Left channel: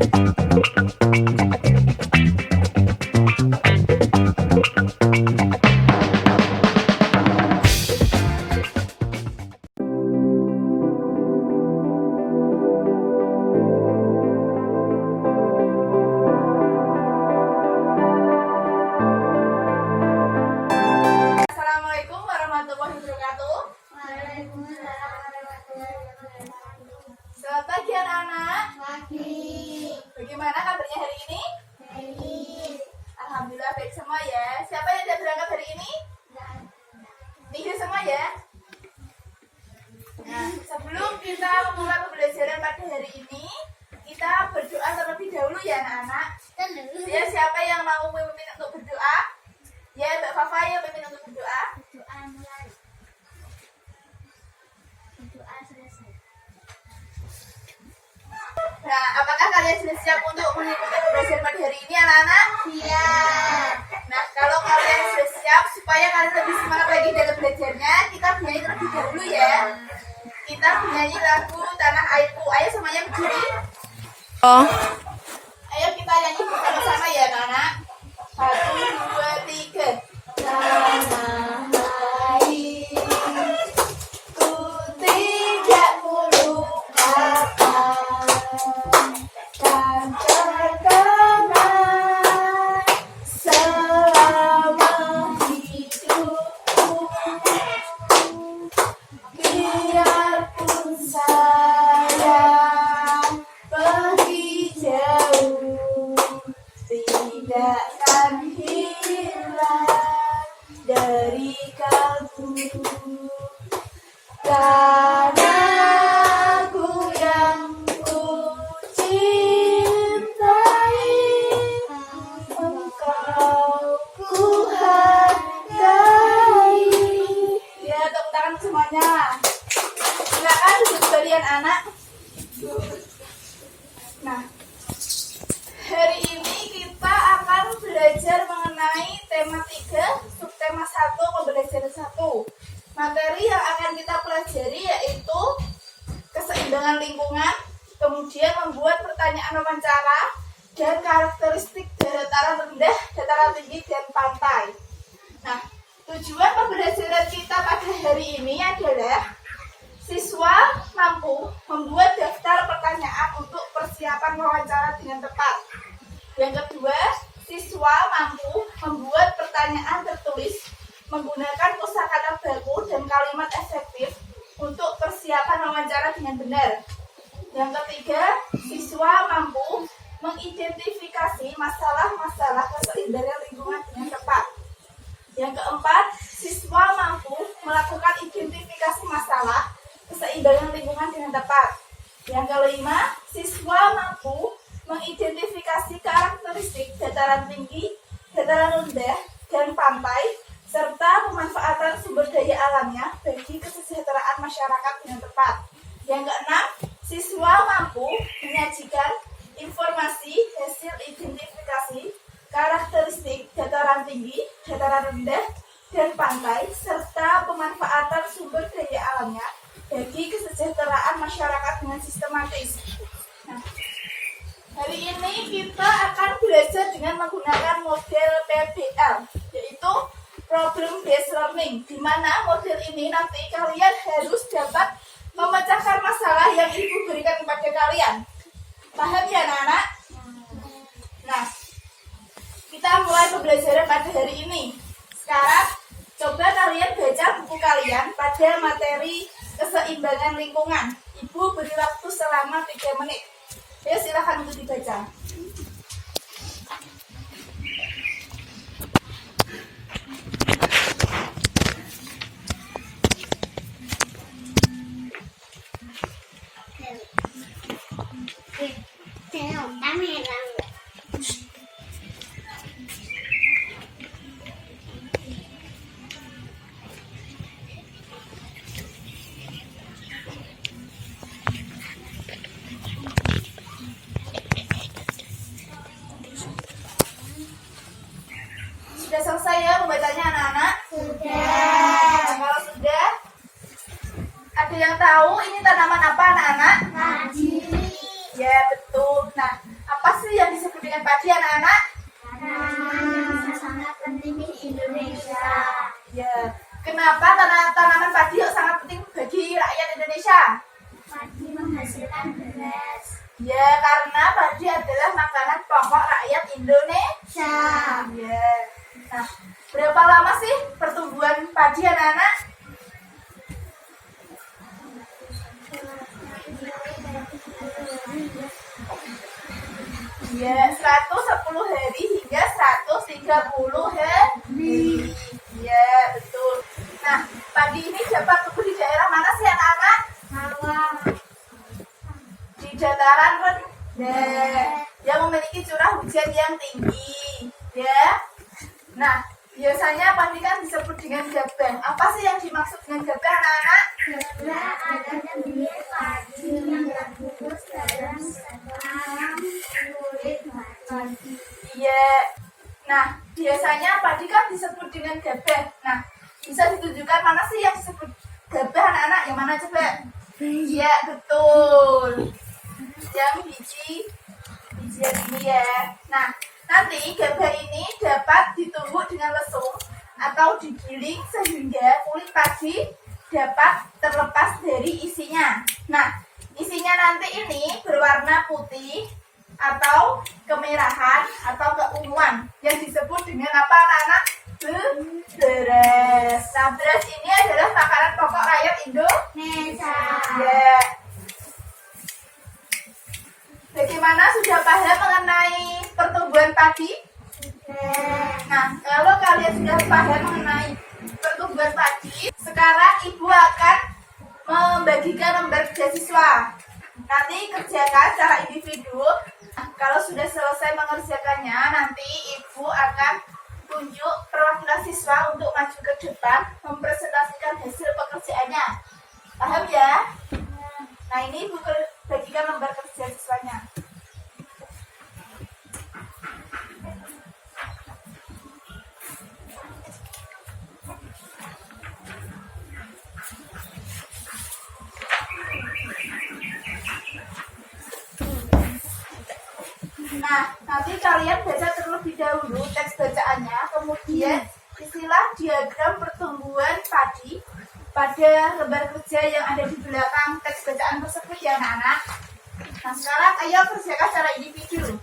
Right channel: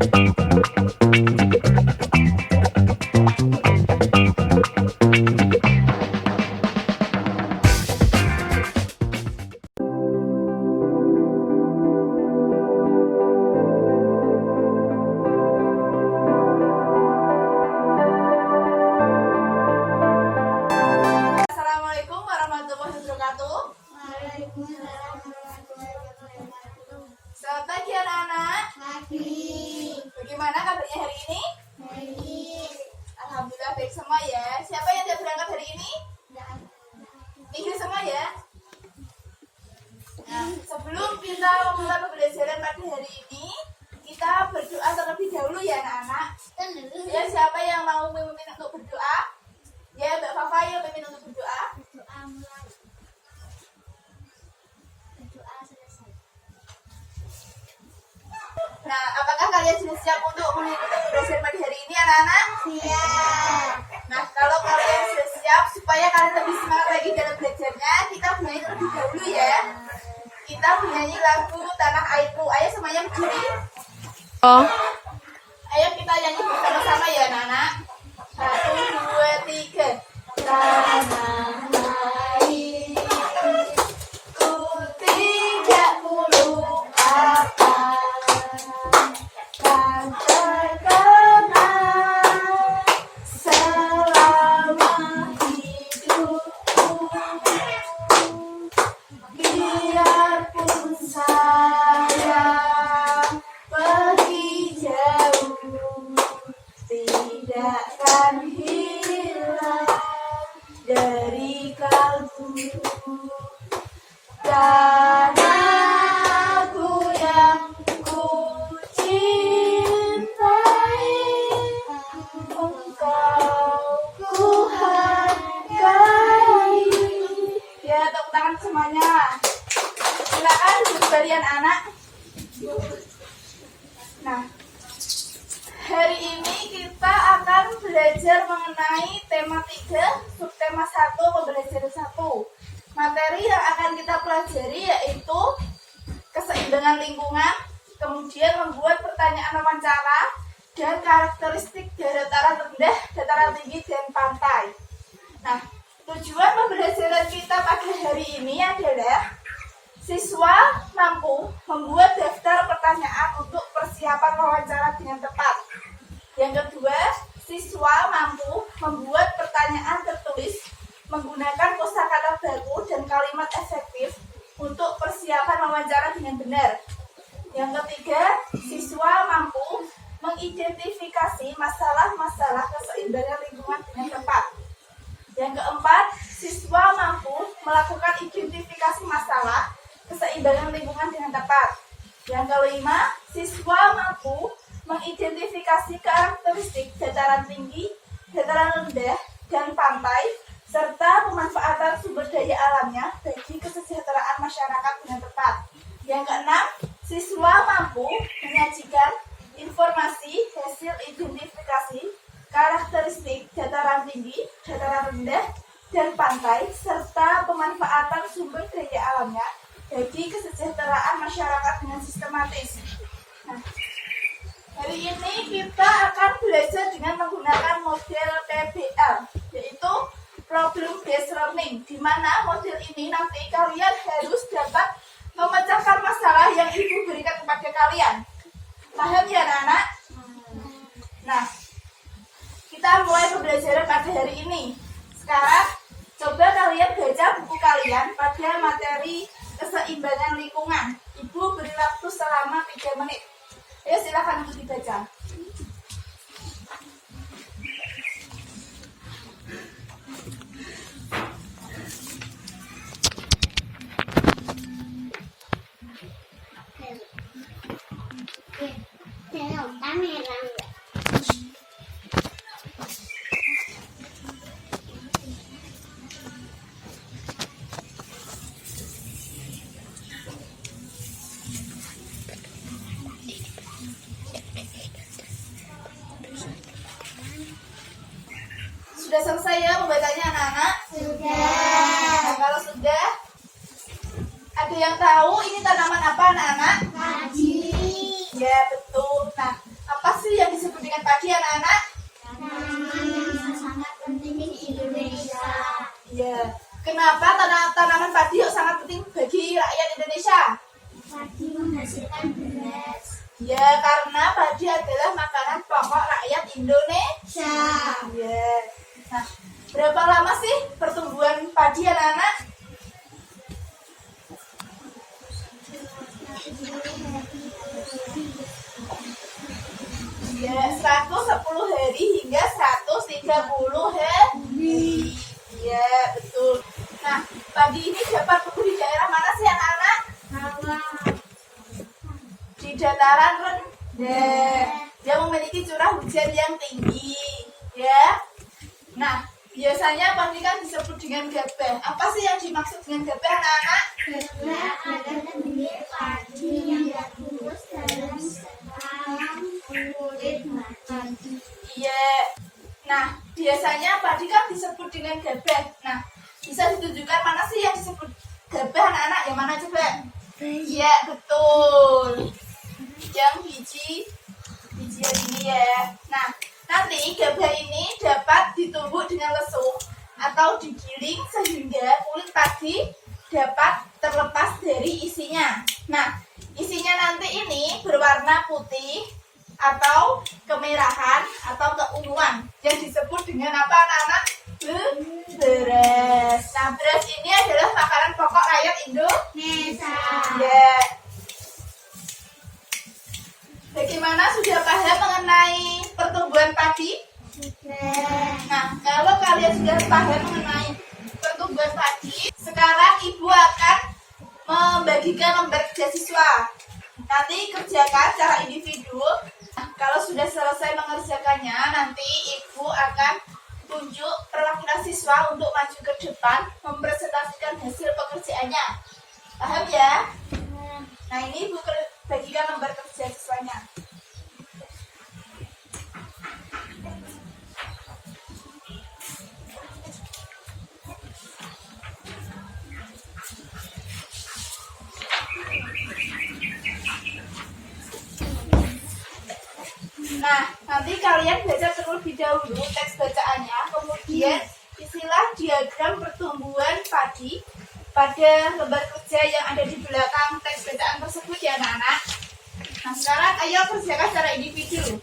Assalamualaikum warahmatullahi wabarakatuh. Waalaikumsalam warahmatullahi wabarakatuh. Selamat pagi anak-anak. Pagi. Bagaimana kabarnya hari ini? Baik. Alhamdulillah baik semua ya. Siapa yang tidak berangkat hari ini? Tiga semua ya. Nah, sebelum kita memulai pembelajaran pada hari ini, kita berdoa terlebih dahulu ya anak-anak. Ya, siapa yang mau memimpin untuk berdoa? Ya, Mbak Fafa yang memimpin untuk berdoa. Berdoa mulai. Berdoa selesai. Nah, apakah kalian sudah siap untuk mengikuti pembelajaran pada hari ini anak-anak? Siap. Nah, kalau kalian sudah siap supaya kalian lebih semangat lagi dalam belajarnya, kita bernyanyi terlebih dahulu ya. Kita bernyanyi lagu Tanah Airku. Ayo semuanya berdiri. Ayo kita nyanyi bersama-sama ya anak-anak. 1, 2, 3. Tanah airku tidak melupakan, kan terkenal selama hidupku. Biarpun saya pergi jauh, tidakkan hilang dari kalbu. Tanahku yang ku cintai, engkau ku hargai. Ya, tepuk tangan semuanya. Silakan duduk kalian anak. Nah, hari ini kita akan belajar mengenai tema 3, subtema 1, pembelajaran 1. Materi yang akan kita pelajari yaitu keseimbangan lingkungan, kemudian membuat pertanyaan wawancara, dan karakteristik dataran rendah, dataran tinggi, dan pantai. Nah, tujuan pembelajaran kita pada hari ini adalah siswa mampu membuat daftar pertanyaan untuk persiapan wawancara dengan tepat. Yang kedua, siswa mampu membuat pertanyaan tertulis menggunakan kosakata baku dan kalimat efektif untuk persiapan wawancara dengan benar. Yang ketiga, siswa mampu mengidentifikasi masalah-masalah keseimbangan lingkungan dengan tepat. Yang keempat, siswa mampu melakukan identifikasi masalah keseimbangan lingkungan dengan tepat. Yang kelima, siswa mampu mengidentifikasi karakteristik dataran tinggi, dataran rendah, dan pantai, serta pemanfaatan sumber daya alamnya bagi kesejahteraan masyarakat dengan tepat. Yang keenam, siswa mampu menyajikan informasi hasil identifikasi karakteristik dataran tinggi, dataran rendah, dan pantai, serta pemanfaatan sumber daya alamnya bagi kesejahteraan masyarakat dengan sistematis. Nah, hari ini kita akan belajar dengan menggunakan model PBL, yaitu Problem Based Learning, di mana model ini nanti kalian harus dapat memecahkan masalah yang ibu berikan kepada kalian. Paham ya anak-anak? Nah, kita mulai pembelajaran pada hari ini. Sekarang, coba kalian baca buku kalian pada materi keseimbangan lingkungan. Ibu beri waktu selama 3 menit. Ya, silakan untuk dibaca. Sudah selesai ya membacanya anak-anak? Sudah. Nah, kalau sudah, ada yang tahu ini tanaman apa anak-anak? Padi. Ya, betul. Nah, karena padi adalah makanan pokok rakyat Indonesia. Ya. Nah, berapa lama sih pertumbuhan padi anak-anak? Ya, 110 hari hingga 130 hari. Ya, betul. Nah, padi ini dapat tumbuh di daerah mana sih anak-anak? Di dataran rendah. Dia memiliki curah hujan yang tinggi. Ya. Nah, biasanya padi kan disebut dengan gabah. Apa sih yang dimaksud dengan gabah anak-anak? Gabah adalah bibit padi yang terbungkus dalam sekarang kulit padi. Iya. Nah, biasanya padi kan disebut dengan gabah. Nah, bisa ditunjukkan mana sih yang disebut gabah anak-anak? Yang mana coba? Iya, betul. Yang bijian ini ya. Nah, nanti gabah ini dapat ditumbuk dengan lesung atau digiling sehingga kulit padi dapat terlepas dari isinya. Nah, isinya nanti ini berwarna putih atau kemerahan atau keunguan yang disebut dengan apa anak-anak? Beras. Nah, beras ini adalah makanan pokok rakyat Indonesia. Ya. Bagaimana, sudah paham mengenai pertumbuhan padi? Nah, kalau kalian sudah paham mengenai pertumbuhan padi, sekarang ibu akan membagikan lembar kerja siswa. Nanti kerjakan secara individu. Nah, kalau sudah selesai mengerjakannya, nanti ibu akan tunjuk perwakilan siswa untuk maju ke depan mempresentasikan hasil pekerjaannya. Paham ya? Nah, ini ibu bagikan lembar kerja siswanya. Nah, nanti kalian baca terlebih dahulu teks bacaannya, kemudian isilah diagram pertumbuhan padi pada lembar kerja yang ada di belakang teks bacaan tersebut ya anak-anak. Nah, sekarang ayo kerjakan secara individu.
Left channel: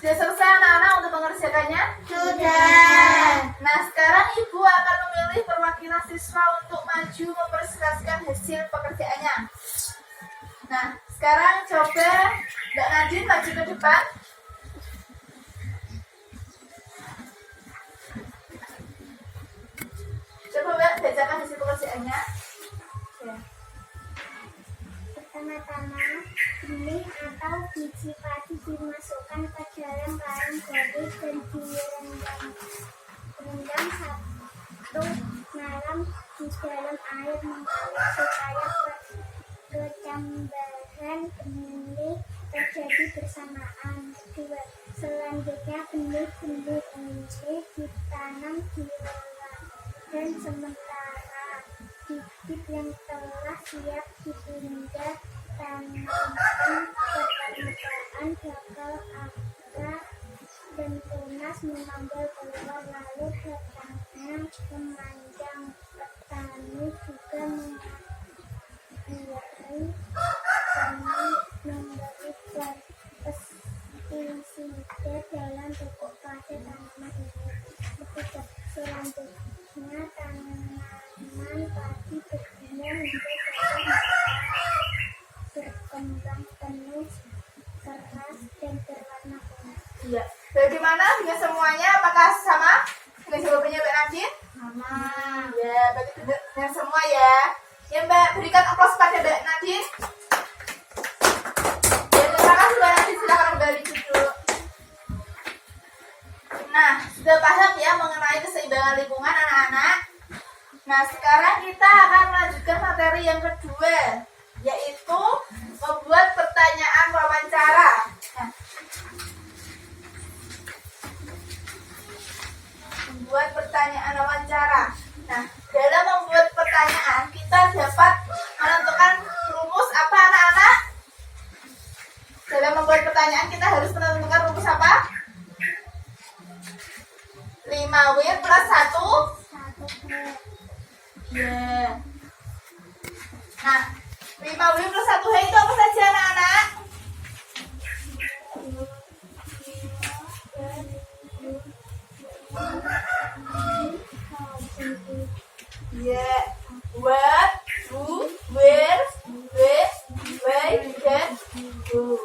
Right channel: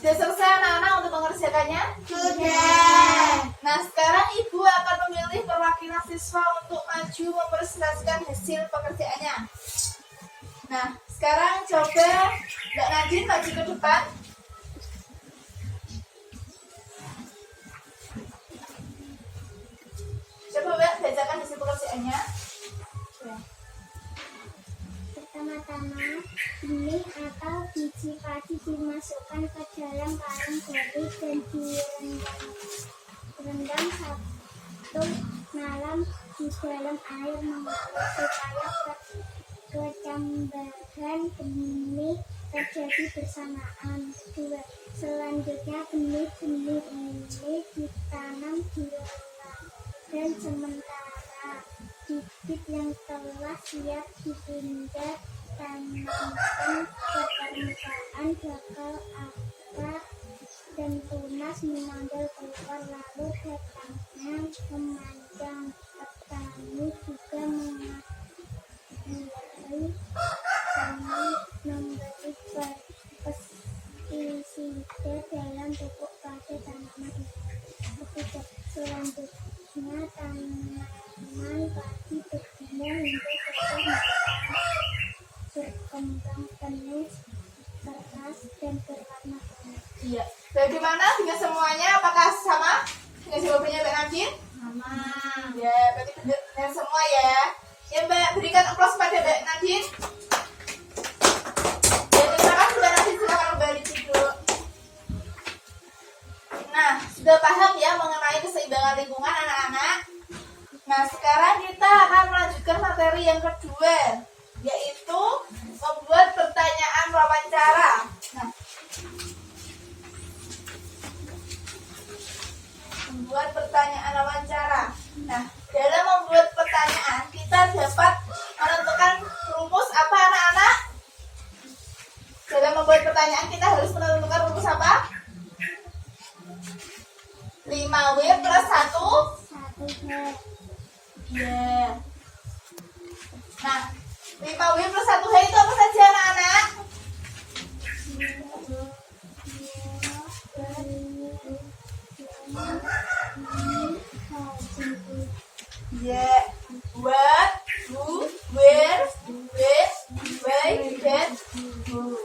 Sudah selesai anak-anak untuk mengerjakannya? Sudah. Nah, sekarang ibu akan memilih perwakilan siswa untuk maju mempresentasikan hasil pekerjaannya. Nah, sekarang coba Mbak Nadine maju ke depan. Coba Mbak bacakan hasil pekerjaannya. Ya. Pertama-tama, benih atau biji padi dimasukkan ke dalam karung gori dan direndam 1 malam di dalam air mengalir supaya kecambaran benih terjadi bersamaan. Kedua, selanjutnya benih-benih ini ditanam di dan sementara bibit yang telah siap dipindah tanamkan ke permukaan bakal akar dan tunas menonjol keluar, lalu batangnya memanjang. Petani juga memberi pestisida dalam pupuk pada tanaman ini. Ketiga, selanjutnya tanaman padi berkembang hingga dapat berkembang penuh, keras dan berwarna kuning. Iya. Bagaimana dengan semuanya? Apakah sama dengan jawabannya Mbak Nadine? Sama. Ya, berarti benar semua ya. Ya Mbak, berikan aplaus pada Mbak Nadine. Ya, terima kasih Mbak Nadine. Silakan kembali duduk. Nah, sudah paham ya mengenai keseimbangan lingkungan anak-anak? Nah, sekarang kita akan melanjutkan materi yang kedua, yaitu membuat pertanyaan wawancara. Nah, membuat pertanyaan wawancara. Nah, dalam membuat pertanyaan kita dapat menentukan rumus apa anak-anak? Dalam membuat pertanyaan kita harus menentukan rumus apa? 5W plus 1 1 Ya. Nah, 5W plus 1H itu apa saja anak-anak? Ya. What, who, where, when, why, when, who.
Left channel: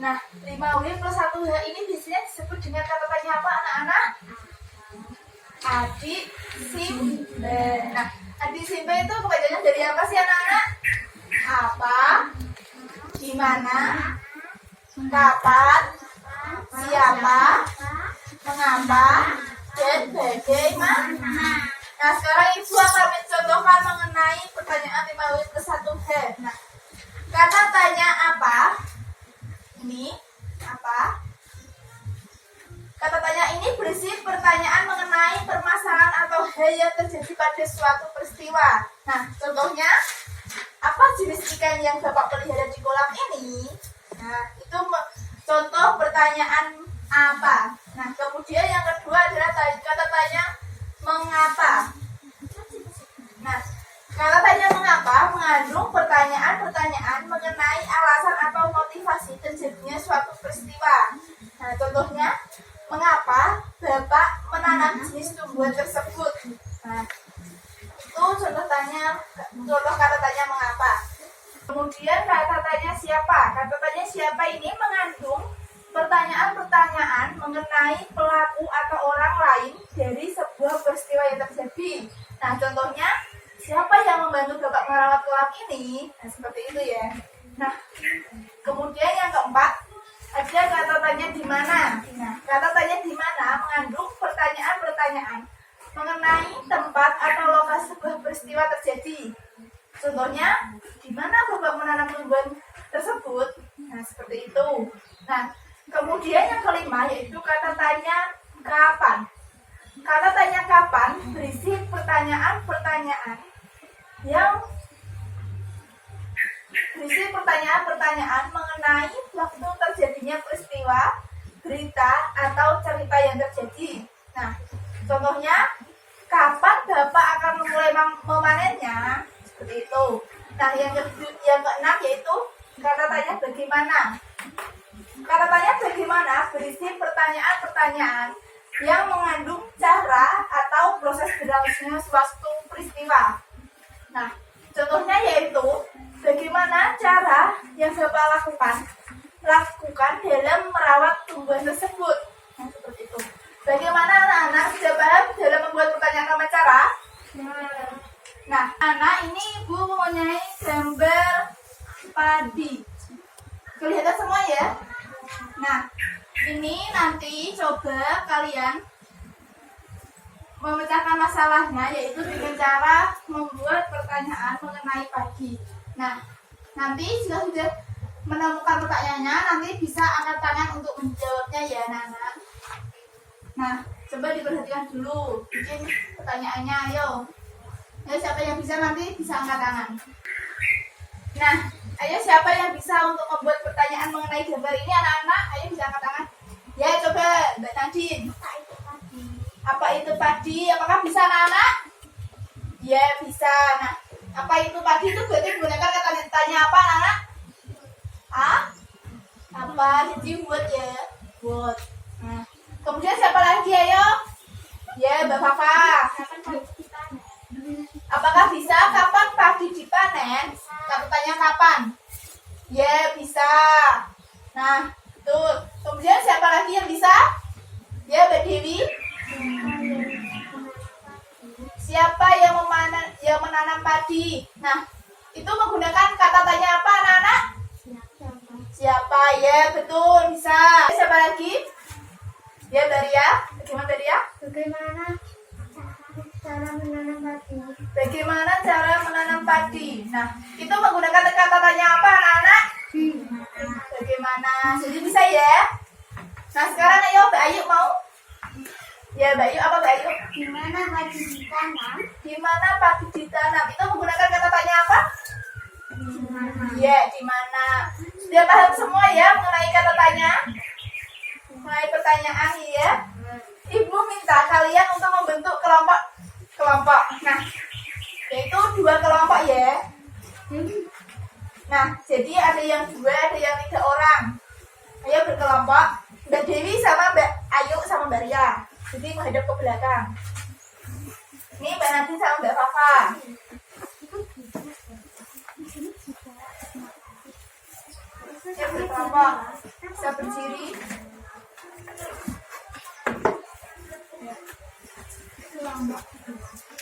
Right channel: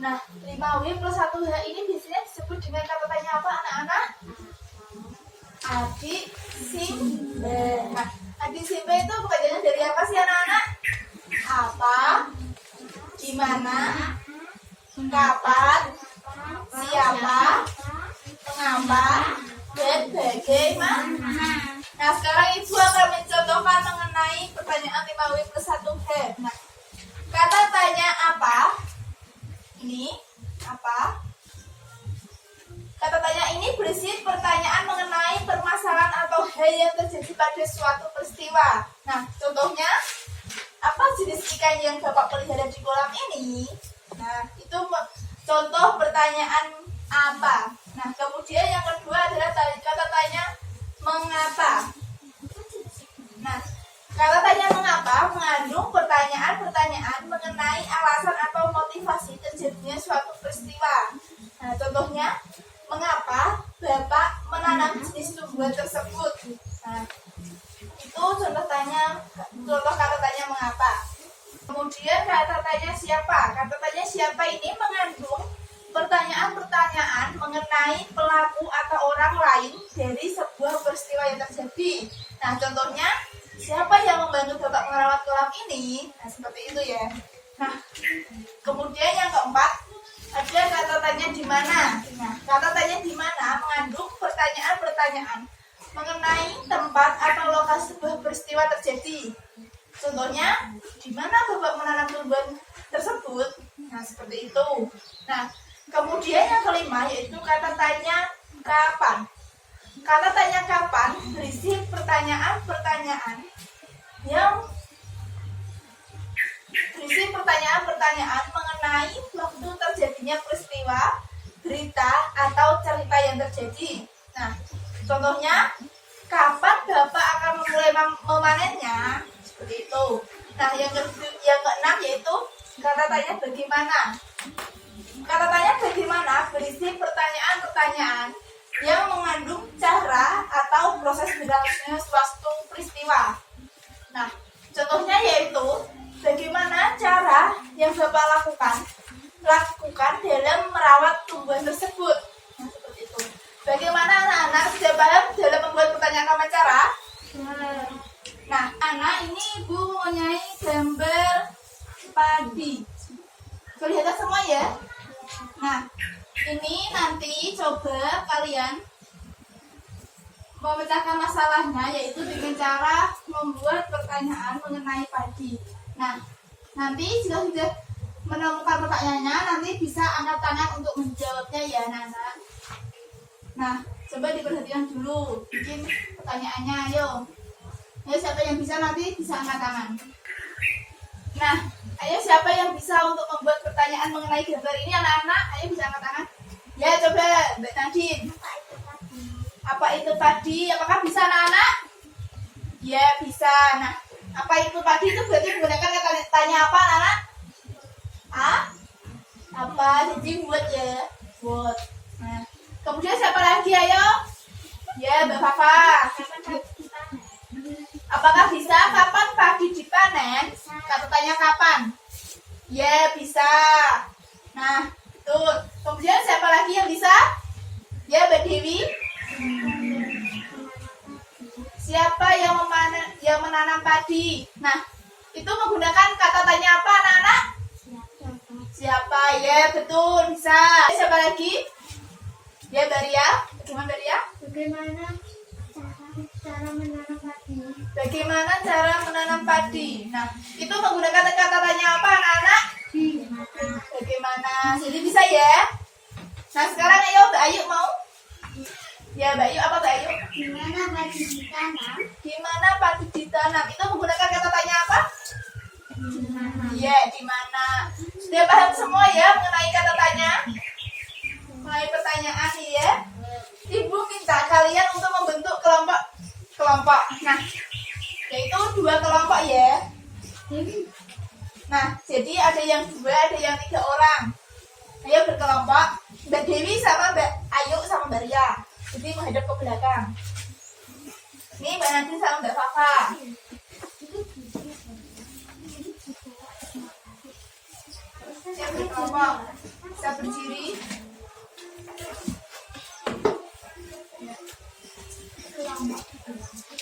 Nah, 5W plus 1H ini biasanya disebut dengan kata tanya apa anak-anak? Adik Simba. Nah, adik Simba itu kepanjangan dari apa sih anak-anak? Apa? Di mana? Kapan? Siapa? Mengapa? Dan bagaimana? Nah, sekarang Ibu akan mencontohkan mengenai pertanyaan 5W plus 1H. Nah, kata tanya apa? Ini apa? Kata tanya ini berisi pertanyaan mengenai permasalahan atau hal yang terjadi pada suatu peristiwa. Nah, contohnya, apa jenis ikan yang Bapak pelihara di kolam ini? Nah, itu contoh pertanyaan apa. Nah, kemudian yang kedua adalah kata tanya mengapa. Nah, kata tanya mengapa mengandung pertanyaan-pertanyaan mengenai alasan atau motivasi terjadinya suatu peristiwa. Nah, contohnya, mengapa Bapak menanam jenis tumbuhan tersebut? Nah, itu contoh kata tanya mengapa. Kemudian kata tanya siapa? Kata tanya siapa ini mengandung pertanyaan-pertanyaan mengenai pelaku atau orang lain dari sebuah peristiwa yang terjadi. Nah, contohnya, siapa yang membantu Bapak merawat kolam ini? Nah, seperti itu ya. Nah, kemudian yang keempat, ada kata tanya di mana. Nah, kata tanya di mana mengandung pertanyaan-pertanyaan mengenai tempat atau lokasi sebuah peristiwa terjadi. Contohnya, di mana Bapak menanam tumbuhan tersebut? Nah, seperti itu. Nah, kemudian yang kelima yaitu kata tanya kapan. Kata tanya kapan berisi pertanyaan-pertanyaan yang berisi pertanyaan-pertanyaan mengenai waktu terjadinya peristiwa, berita, atau cerita yang terjadi. Nah, contohnya, kapan Bapak akan memulai memanennya? Seperti itu. Nah, yang keenam yaitu kata tanya bagaimana. Kata tanya bagaimana berisi pertanyaan-pertanyaan yang mengandung cara atau proses berlangsungnya suatu peristiwa. Nah, contohnya yaitu bagaimana cara yang Bapak lakukan dalam merawat tumbuhan tersebut. Nah, seperti itu. Bagaimana anak-anak sudah paham dalam membuat pertanyaan sama cara? Nah, anak ini Ibu mempunyai gambar padi. Kelihatan semua ya? Nah, ini nanti coba kalian memecahkan masalahnya yaitu dengan cara membuat pertanyaan mengenai padi. Nah, nanti jika sudah menemukan pertanyaannya, nanti bisa angkat tangan untuk menjawabnya ya, anak-anak. Nah, coba diperhatikan dulu, bikin pertanyaannya, ayo. Ayo siapa yang bisa nanti bisa angkat tangan. Nah, ayo siapa yang bisa untuk membuat pertanyaan mengenai gambar ini, anak-anak? Ayo bisa angkat tangan. Ya, coba Mbak Nadine. Apa itu padi? Apakah bisa, anak-anak? Ya, bisa. Nah, apa itu padi itu berarti menggunakan kata tanya apa, anak-anak? Apa? Jadi buat ya. Buat. Nah, kemudian siapa lagi, ayo? Ya, Mbak Fafa. Apakah bisa kapan padi dipanen? Kata tanya kapan? Ya, bisa. Nah, betul. Kemudian siapa lagi yang bisa? Ya, Mbak Dewi. Siapa yang menanam padi? Nah, itu menggunakan kata tanya apa, anak-anak? Siapa? Ya, betul, bisa. Siapa lagi? Ya, Baria. Bagaimana, Baria? Bagaimana cara menanam padi? Bagaimana cara menanam padi? Nah, itu menggunakan kata tanya apa, anak-anak? Bagaimana? Jadi bisa ya? Nah, sekarang ayo Mbak Ayu mau? Ya, Mbak Ayu, apa Mbak Ayu? Gimana padi ditanam? Di mana padi ditanam? Itu menggunakan kata tanya apa? Ya, di mana? Sudah paham semua ya mengenai kata tanya? Mengenai pertanyaan ya? Ibu minta kalian untuk membentuk kelompok. Nah, yaitu 2 kelompok ya. Nah, jadi ada yang 2, ada yang 3 orang. Ayo berkelompok. Mbak Dewi sama Mbak Ayu sama Mbak Ria. Jadi menghadap ke belakang. Ini Mbak Nadine sama Mbak Fafa. Saya berkelompok. Saya berdiri.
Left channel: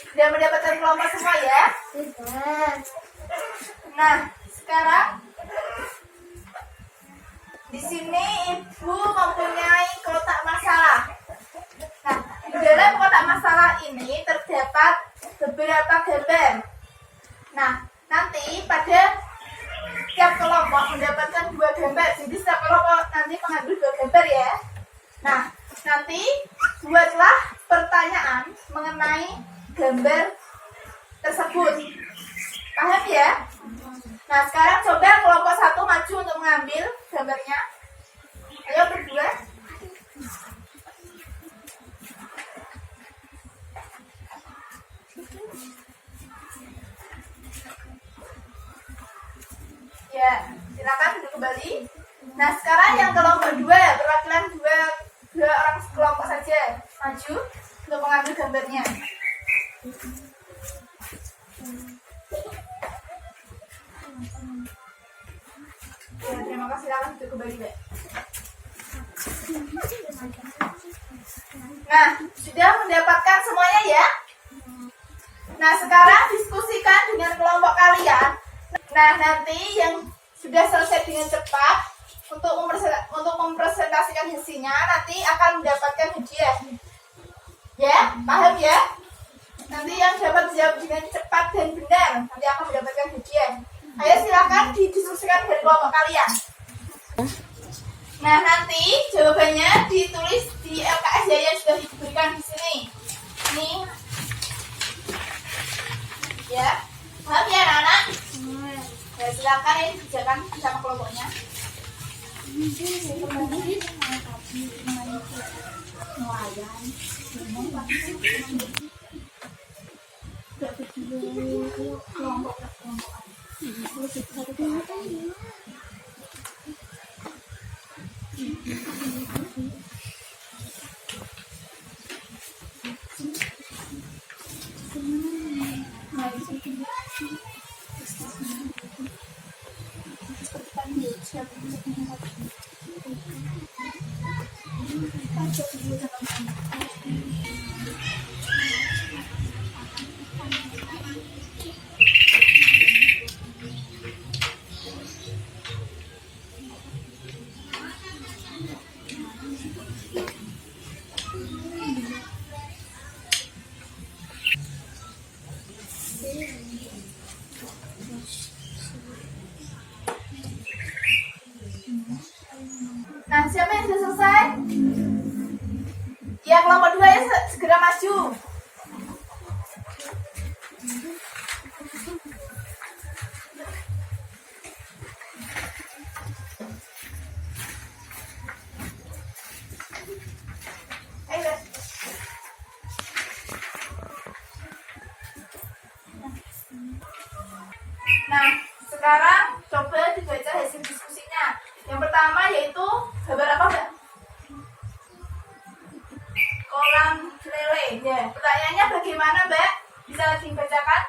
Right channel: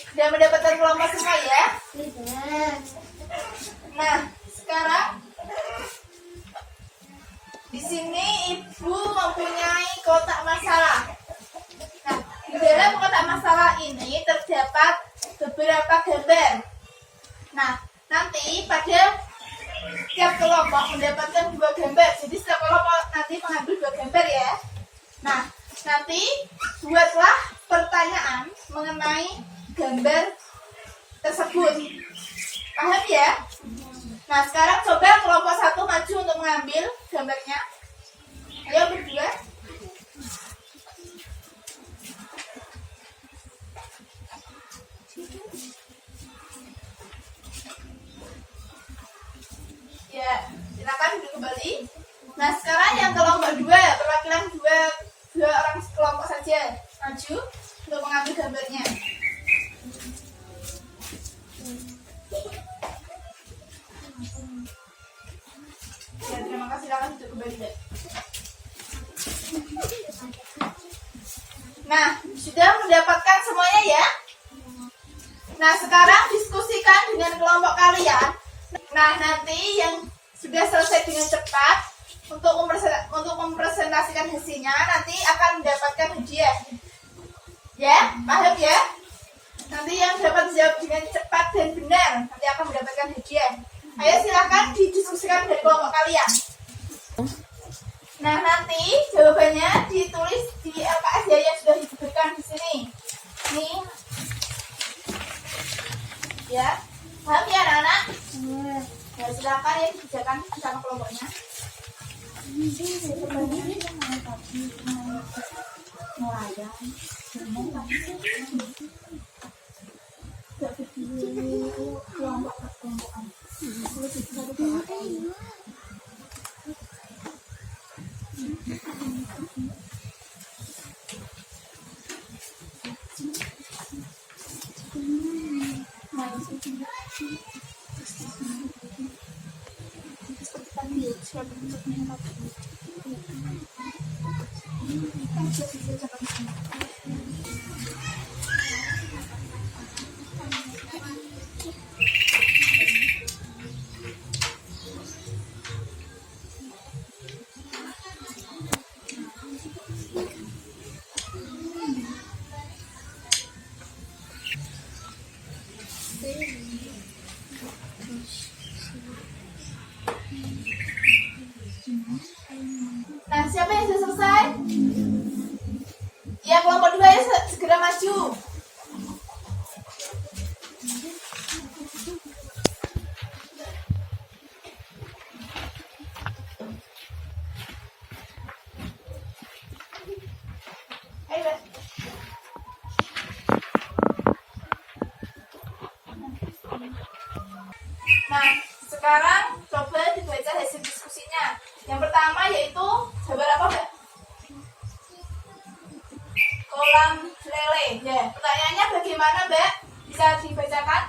Sudah mendapatkan kelompok semua ya? Nah, sekarang di sini Ibu mempunyai kotak masalah. Nah, di dalam kotak masalah ini terdapat beberapa gambar. Nah, nanti pada setiap kelompok mendapatkan 2 gambar. Jadi setiap kelompok nanti mengambil 2 gambar ya. Nah, nanti buatlah pertanyaan mengenai gambar tersebut. Paham ya? Nah, sekarang coba kelompok 1 maju untuk mengambil gambarnya. Ayo berdua. Ya, silakan duduk kembali. Nah, sekarang yang kelompok 2, perwakilan 2 orang kelompok saja maju untuk mengambil gambarnya. Ya, terima kasih, silakan duduk kembali, Mbak. Nah, sudah mendapatkan semuanya ya? Nah, sekarang diskusikan dengan kelompok kalian. Nah, nanti yang sudah selesai dengan cepat untuk mempresentasikan hasilnya nanti akan mendapatkan hadiah. Ya, paham ya? Nanti yang dapat dijawab dengan cepat dan benar nanti akan mendapatkan hadiah. Ayo silakan didiskusikan dari kelompok kalian. Nah, nanti jawabannya ditulis di LKS ya yang sudah diberikan di sini. Nih. Ya. Paham ya, anak-anak? Ya, silakan ya dijawab. Nah, siapa yang sudah selesai? Ya, kelompok 2 ya segera maju. Ayo. Nah, sekarang coba dibaca hasil diskusinya. Yang pertama yaitu gambar apa, Mbak? Kolam lele. Ya, pertanyaannya bagaimana, Mbak? Bisa dibacakan?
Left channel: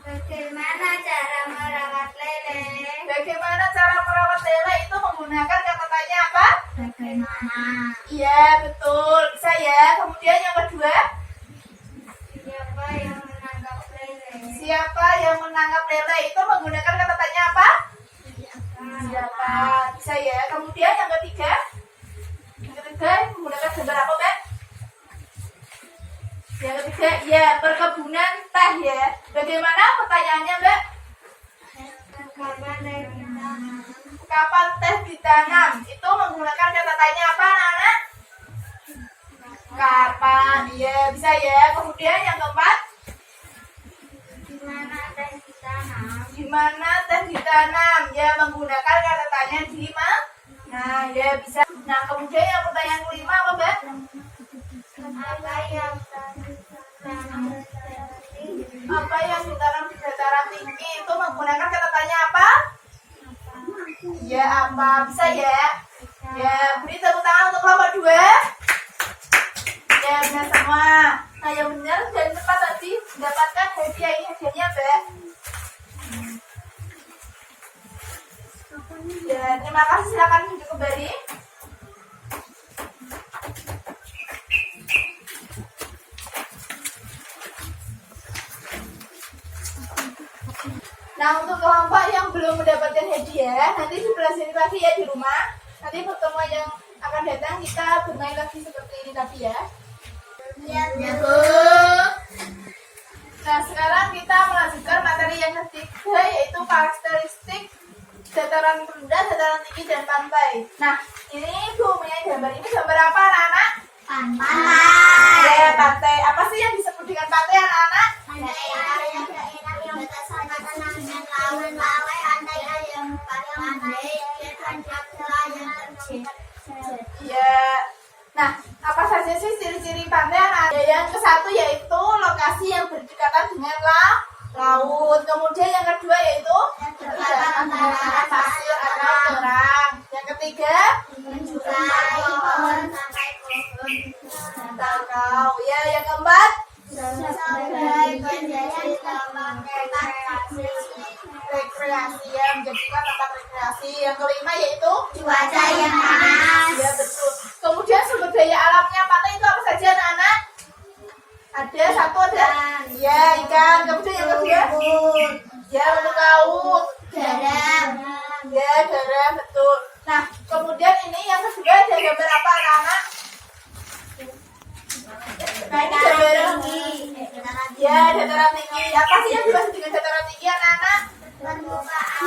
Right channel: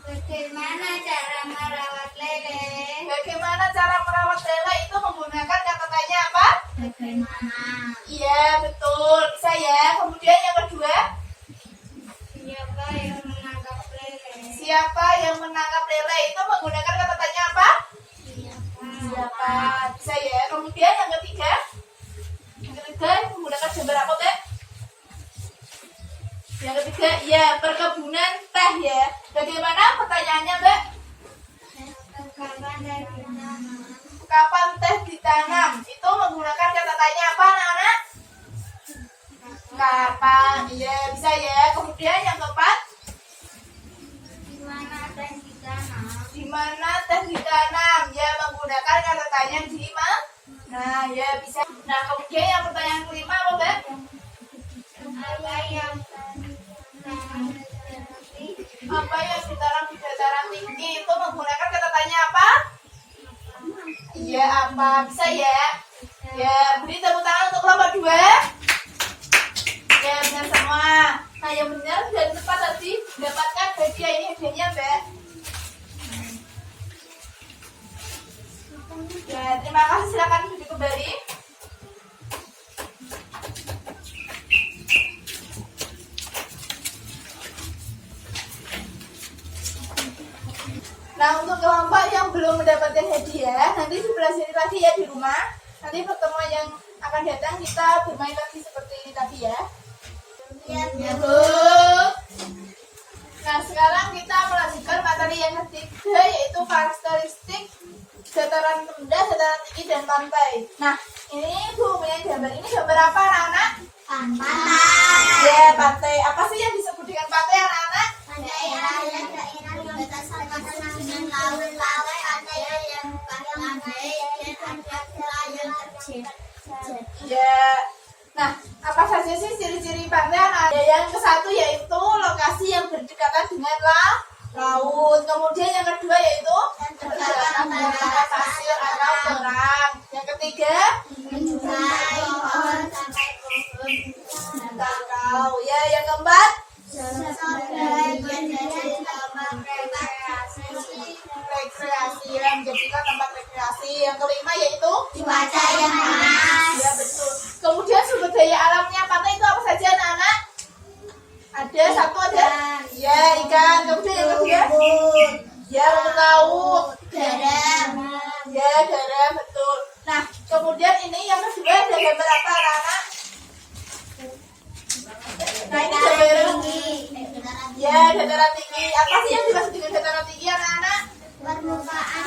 Bagaimana cara merawat lele? Bagaimana cara merawat lele itu menggunakan kata tanya apa? Bagaimana? Iya, betul. Bisa ya. Kemudian yang kedua, Siapa yang menangkap lele? siapa yang menangkap lele itu menggunakan kata tanya apa? Siapa? Bisa ya. Kemudian yang ketiga menggunakan gambar apa, Mbak? Yang ketiga, ya, perkebunan teh ya. Bagaimana pertanyaannya, Mbak? Kapan teh ditanam? Kapan teh ditanam? Itu menggunakan kata tanya apa, anak-anak? Kapan? Iya, bisa ya. Kemudian yang keempat, Di mana teh ditanam? di mana teh ditanam? Ya, menggunakan kata tanya di mana? Nah, ya bisa. Nah, kemudian yang pertanyaan kelima apa, Mbak? Apa yang Apa yang ditanam di dataran tinggi itu menggunakan kata tanya apa? Iya, apa? Bisa ya? Ya, beri tepuk tangan untuk kelompok 2. Ya, benar semua. Nah, yang benar dan tepat tadi mendapatkan hadiah. Ini hadiahnya, Mbak. Ya, terima kasih. Silakan duduk kembali. Nah, untuk kelompok yang belum mendapatkan hadiah, nanti sebelah sini lagi ya di rumah. Nanti pertemuan yang akan datang kita bermain lagi seperti ini tadi ya. Ya, Bu. Nah, sekarang kita melanjutkan materi yang ketiga yaitu karakteristik dataran rendah, dataran tinggi, dan pantai. Nah, ini Bu punya gambar. Ini gambar apa, anak-anak? pantai? Ya, pantai. Apa sih yang disebut dengan pantai, anak-anak? Pantai daerah yang batasan dengan laut, pantai yang bukan pantai dan yang terjal. Ya. Nah, apa saja sih ciri-ciri pantai, anak? Yang ke satu yaitu lokasi yang berdekatan dengan laut. Kemudian yang kedua yaitu terdapat antara pasir atau terang. Yang ketiga, Menjurai pohon sampai pohon. tahu. Ya, yang keempat, Sebagian dari tempat rekreasi, ya, menjadikan tempat rekreasi. Yang kelima yaitu cuaca yang panas. ya, betul. Kemudian sumber daya alamnya pantai itu apa saja, anak-anak? Ada satu, ada ya, ikan. Kemudian yang kedua ya, rumput laut. Garam. Ya, garam, betul. Nah, kemudian ini yang kedua ada gambar apa, anak-anak? Nah, ini gambar ya, dataran tinggi. Apa sih yang dimaksud dengan dataran tinggi, anak-anak? Permukaan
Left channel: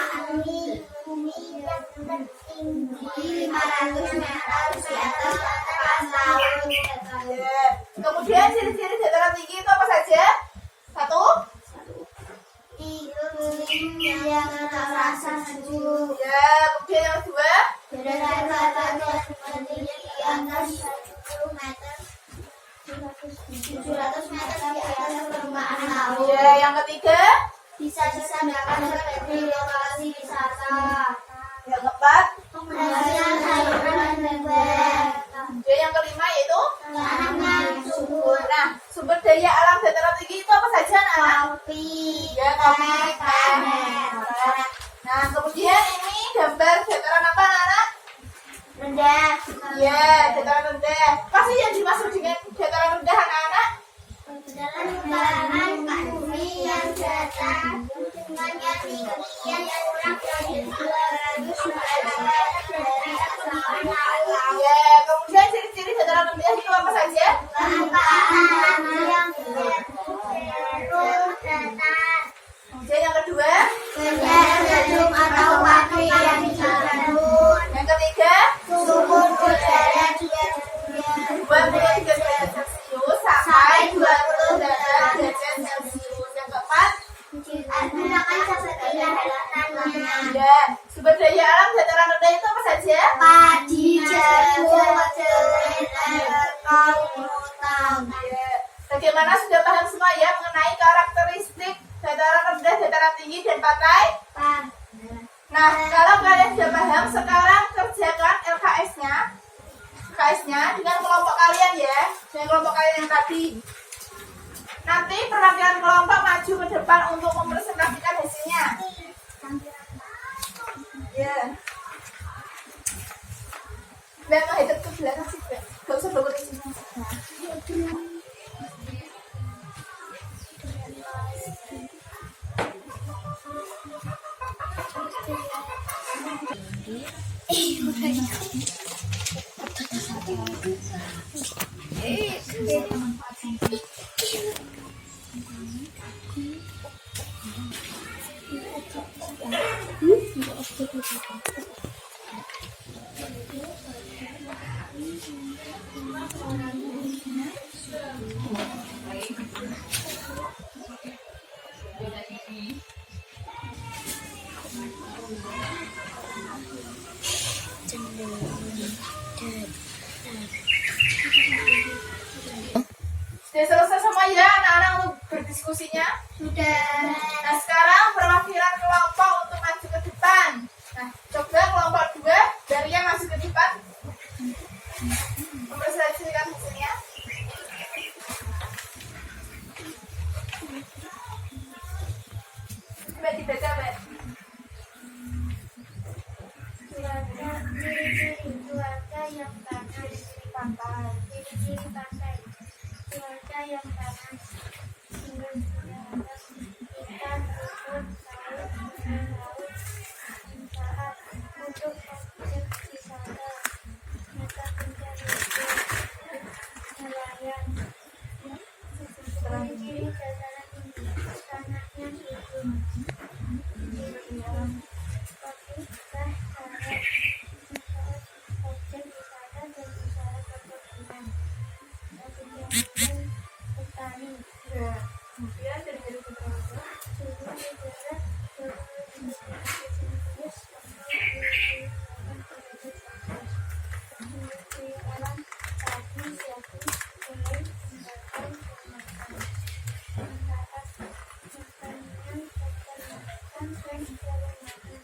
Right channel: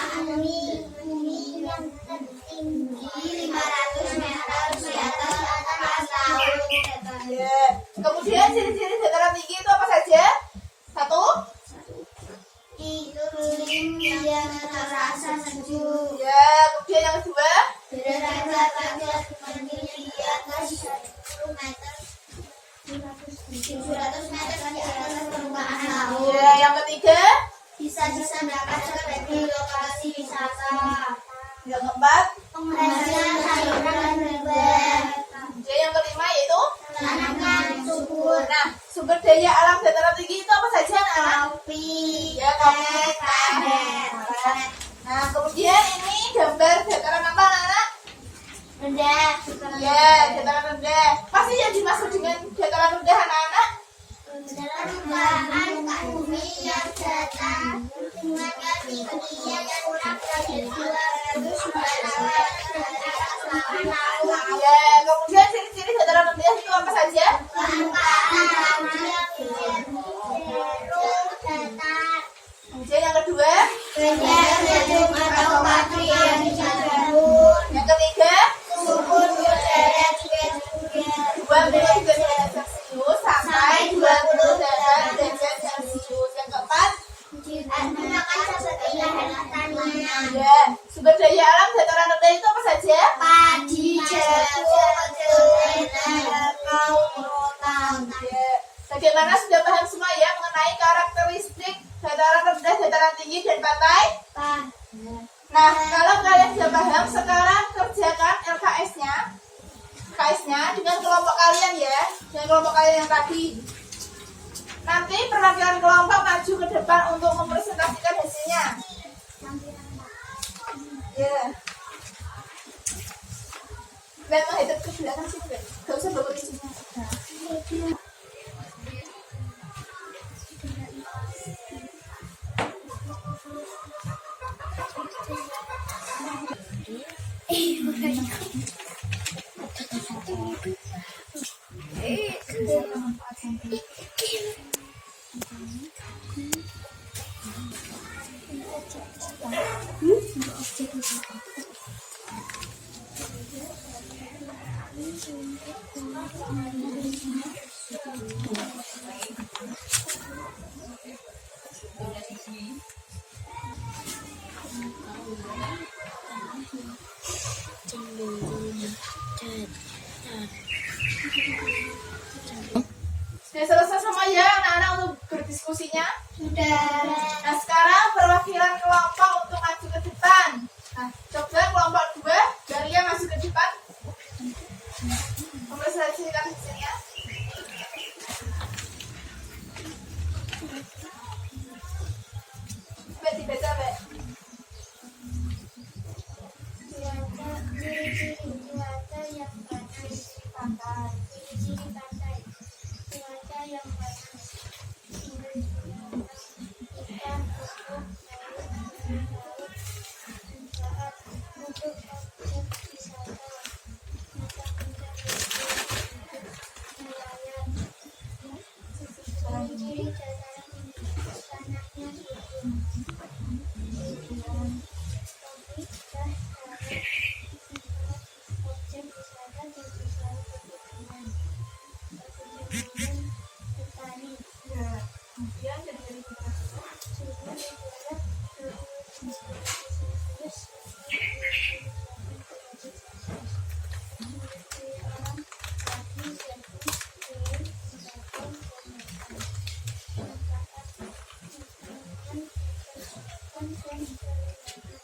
bumi yang tertinggi 500 meter di atas permukaan laut. Ya. Kemudian ciri-ciri dataran tinggi itu apa saja? Satu, Iklim yang terasa sejuk. ya. Kemudian yang kedua, Derajat ketinggian di atas 10 meter. 700 meter di atas permukaan laut. Ya, yang ketiga. Bisa-bisa dapat seperti lokasi wisata. Yang keempat. Penghasilan sayuran dan buah. Ya, yang kelima yaitu Tanaman subur. nah, sumber daya alam dataran tinggi itu apa saja, anak? Kopi. Ya, kopi, teh. Nah, kemudian ini gambar dataran apa, anak? Rendah. Ya, dataran rendah. Pasti yang dimaksud dengan dataran rendah, anak-anak? Permukaan bumi yang datar dengan ketinggian yang kurang dari 200 meter dari permukaan laut. Ya, kemudian ciri-ciri dataran rendah itu apa saja? Permukaan yang cenderung datar. Kemudian yang kedua. Gedung atau pabrik yang dibangun. Yang ketiga. Suhu udara juga rendah. 23 derajat Celcius sampai 20 derajat Celcius. Yang keempat. Gunakan seperti tanahnya. Ya, sumber daya alam dataran rendah itu apa saja? Padi, jagung, kedelai, kakao, rotan. Ya. Bagaimana sudah paham semua ya mengenai karakteristik dataran rendah, dataran tinggi, dan pantai? Nah, kalau kalian sudah paham, sekarang kerjakan LKS-nya dengan kelompok kalian ya, dengan kelompok kalian yang tadi. Nanti perwakilan kelompok maju ke depan untuk mempresentasikan hasilnya. Ya. Dan menghadap ke belakang sih, gak usah bawa ke sini. Nah. Sudah selesai semua ya anak-anak untuk berdiskusinya? Sudah. Nah sekarang perwakilan kelompok untuk maju ke depan. Nah coba kelompok 2 Daria maju ke depan. Mempresentasikan hasilnya. Coba dibaca, Mbak. Ciri-ciri cuaca yang panas. Pantai. Ciri-ciri pantai. Cuaca yang panas. Sumber daya alam. Ikan, rumput, laut, manfaat untuk objek wisata. Mata pencarian nelayan. Ciri-ciri dataran tinggi. Tanahnya subur. Pabrik teh sawit. Objek wisata dan usaha perkebunan. Kegiatan petani. Ya. Kemudian dari Suhu udara 20 Celcius sampai 28 derajat Celcius. Sumber daya alam padi, jagung, kedelai, tembakau, dan manfaat pertanian, peternakan, dan jalan madu.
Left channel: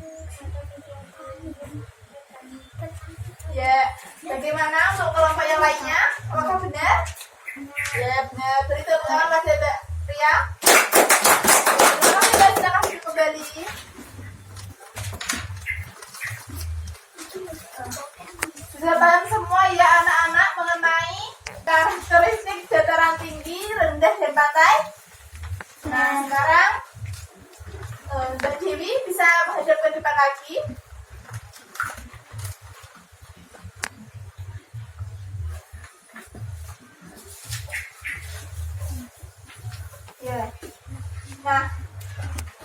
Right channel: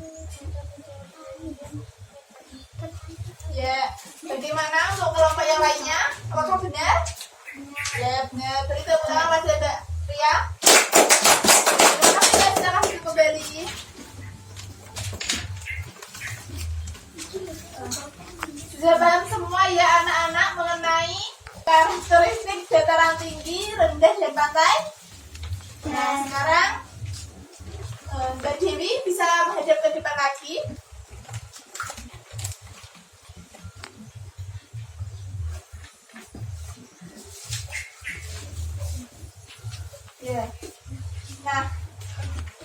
Mata pencaharian dan petani. ya, bagaimana untuk kelompok yang lainnya? Apakah benar? Ya, benar. Beri tepuk tangan pada Mbak Ria. Terima kasih sudah kasih kembali. Sudah paham semua ya anak-anak mengenai karakteristik dataran tinggi, rendah, dan pantai? Nah, sekarang Mbak Dewi bisa menghadap ke depan lagi. Ya. Nah,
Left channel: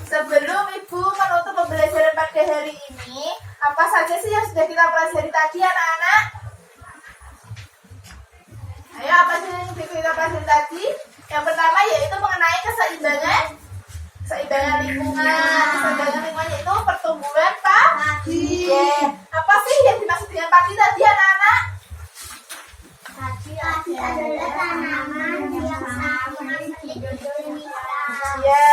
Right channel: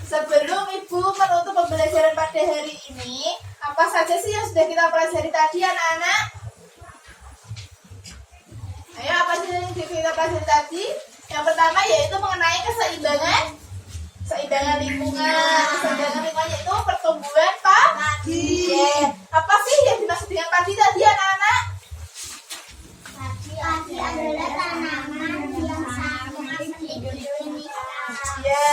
sebelum Ibu menutup pembelajaran pada hari ini, apa saja sih yang sudah kita pelajari tadi anak-anak? Ayo, apa sih yang sudah kita pelajari tadi? Yang pertama yaitu mengenai keseimbangan lingkungan. Keseimbangan lingkungan yaitu pertumbuhan padi. Apa sih yang dimaksud dengan padi tadi anak-anak? Padi adalah tanaman yang sangat penting di Indonesia. Ya,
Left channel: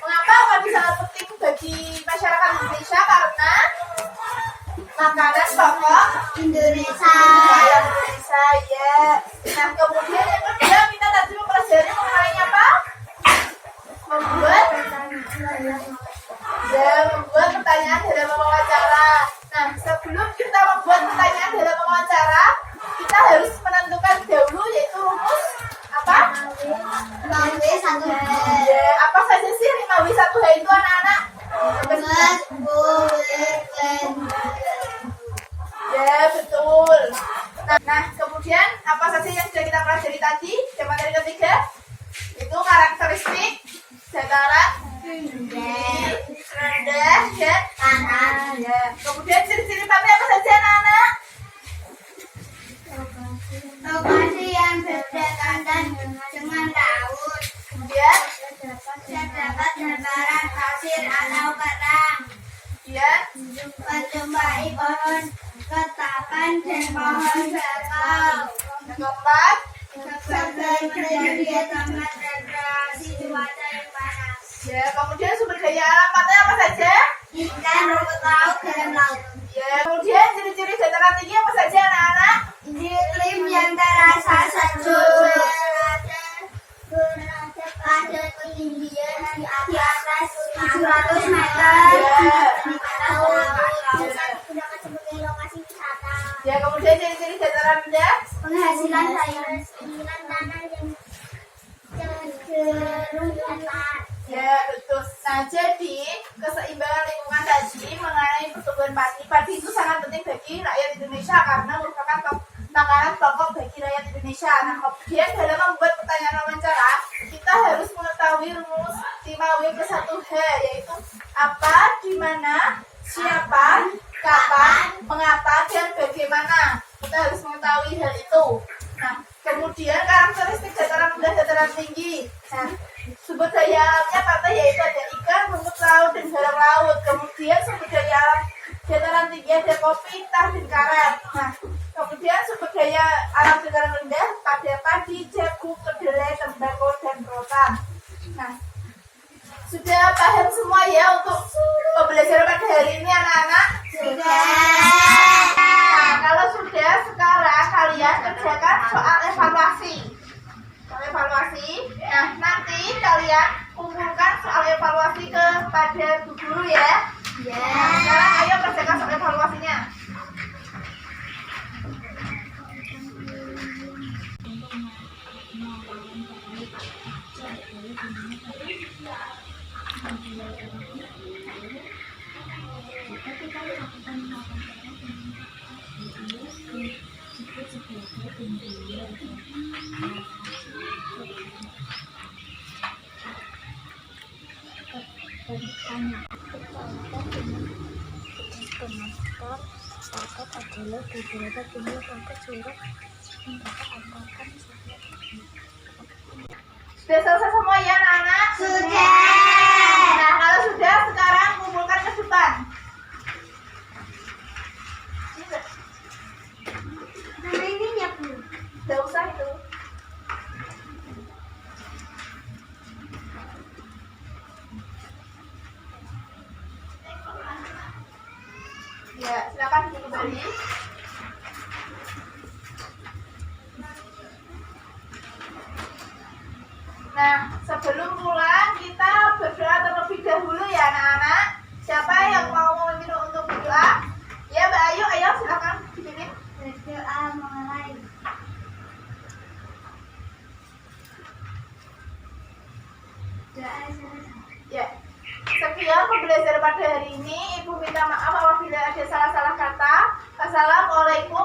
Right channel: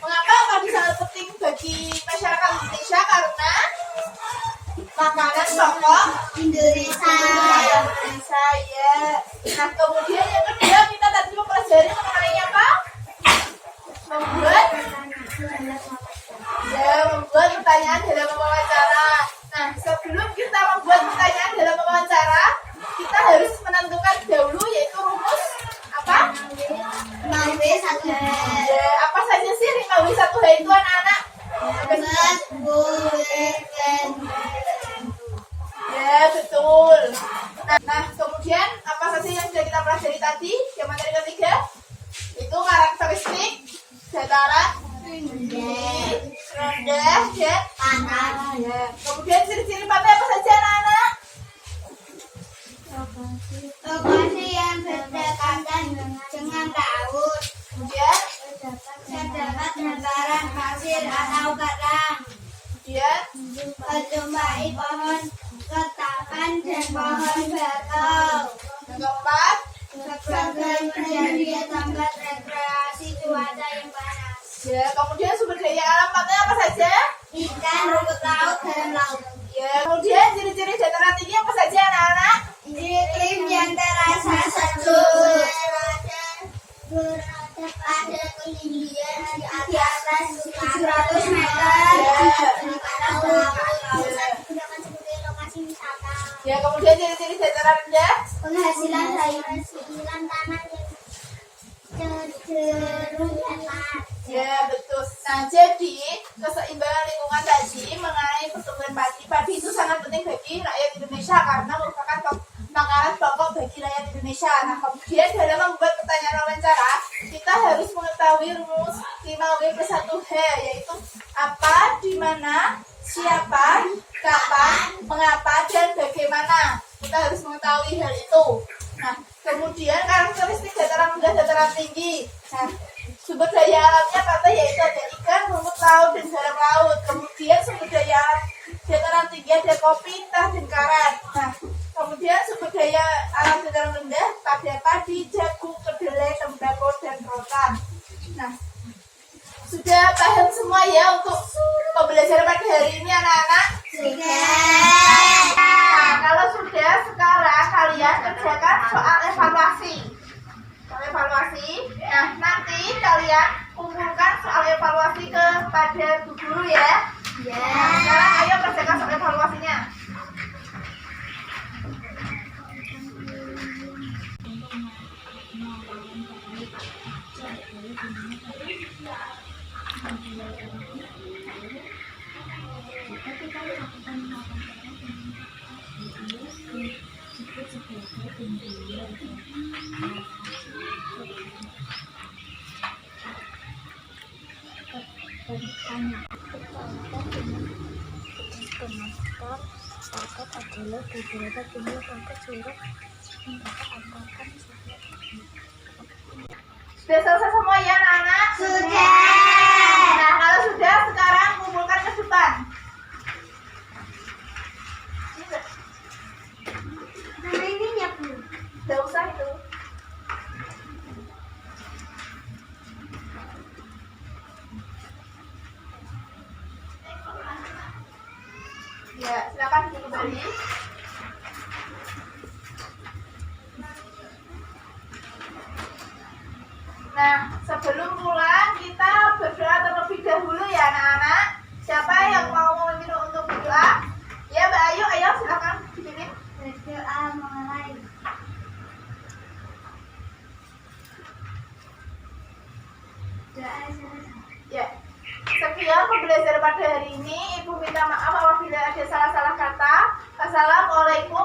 mengapa padi sangat penting bagi masyarakat Indonesia? Karena makanan pokok Indonesia. Indonesia, ya. Nah, kemudian yang kedua kita tadi mempelajari mengenai apa? Membuat pertanyaan dalam wawancara. Nah, sebelum kita membuat pertanyaan dalam wawancara, kita harus menentukan dahulu yaitu rumus apa? 5W1H. Ya, apa saja sih 5W1H itu anak-anak? Ya, betul. Nah, kemudian apa saja yang sudah kita pelajari tadi? Yang materi ketiga itu karakteristik dataran tinggi, rendah, dan Tanah. ya. Kemudian ciri-ciri pantai apa saja anak-anak? Lokasi yang berdekatan dengan laut. Kemudian, Terdapat hamparan pasir atau karang. kemudian, Menjumpai pohon ketapang dan pohon bakau. yang keempat, Sebagai menjadi tempat rekreasi cuaca yang panas. ya. Kemudian sumber daya alam pantai apa saja? Ikan, rumput laut, dan laut. Ya. Kemudian ciri-ciri dataran tinggi apa saja anak-anak? Iklim yang terasa sejuk. Berada pada ketinggian di atas 700 meter. Di atas laut. Digunakan sebagai lokasi wisata. Ya. Kemudian ciri-ciri dataran rendah? Penghasilan sayuran tanah yang cenderung datar. Ya, betul. Nah, jadi keseimbangan lingkungan tadi mengenai pertumbuhan padi itu sangat penting bagi rakyat Indonesia karena merupakan makanan pokok bagi rakyat Indonesia. Nah, kemudian dalam membuat pertanyaan wawancara, kita harus mengetahui rumus 5W+1H, yaitu apa, di mana, siapa, kapan, mengapa, dan bagaimana. Kita harus mengetahui hal itu. Nah, kemudian karakteristik dataran rendah, dataran tinggi. Nah, sumber daya alamnya pantai yaitu ada ikan, rumput laut, dan halam laut. Kemudian sumber daya alam dataran tinggi ada kopi, teh, dan karet. Nah, kemudian sumber daya alam dataran rendah pada padi, jagung, kedelai, tembakau, dan rotan. Nah, sudah paham semua ya untuk pembelajaran pada hari ini anak-anak? Nah, kalau sudah, sekarang kalian kerjakan soal evaluasi. Nah, nanti kalian kumpulkan soal evaluasi kepada Bu Guru ya. Nah, sekarang ayo kerjakan soal evaluasinya. Sakat adalah beberapa jumlah pangkat surat yang dapat angkatan. Sudah selesai semua ya anak-anak? Sudah. Nah, kalau sudah, sekarang kumpulkan ke depan. Nama ini nyapu. Tidak usah itu. Ya, silakan kembali. Nah, sebelum pulang kita berdoa terlebih dahulu ya anak-anak. Siapa yang mau memimpin untuk berdoa? Ya, Mbak Ayu, ayo silakan dipimpin. Berdoa mulai. Doa selesai. Ya. Sekian pembelajaran pada hari ini. Ibu minta maaf apabila ada salah-salah kata. Assalamualaikum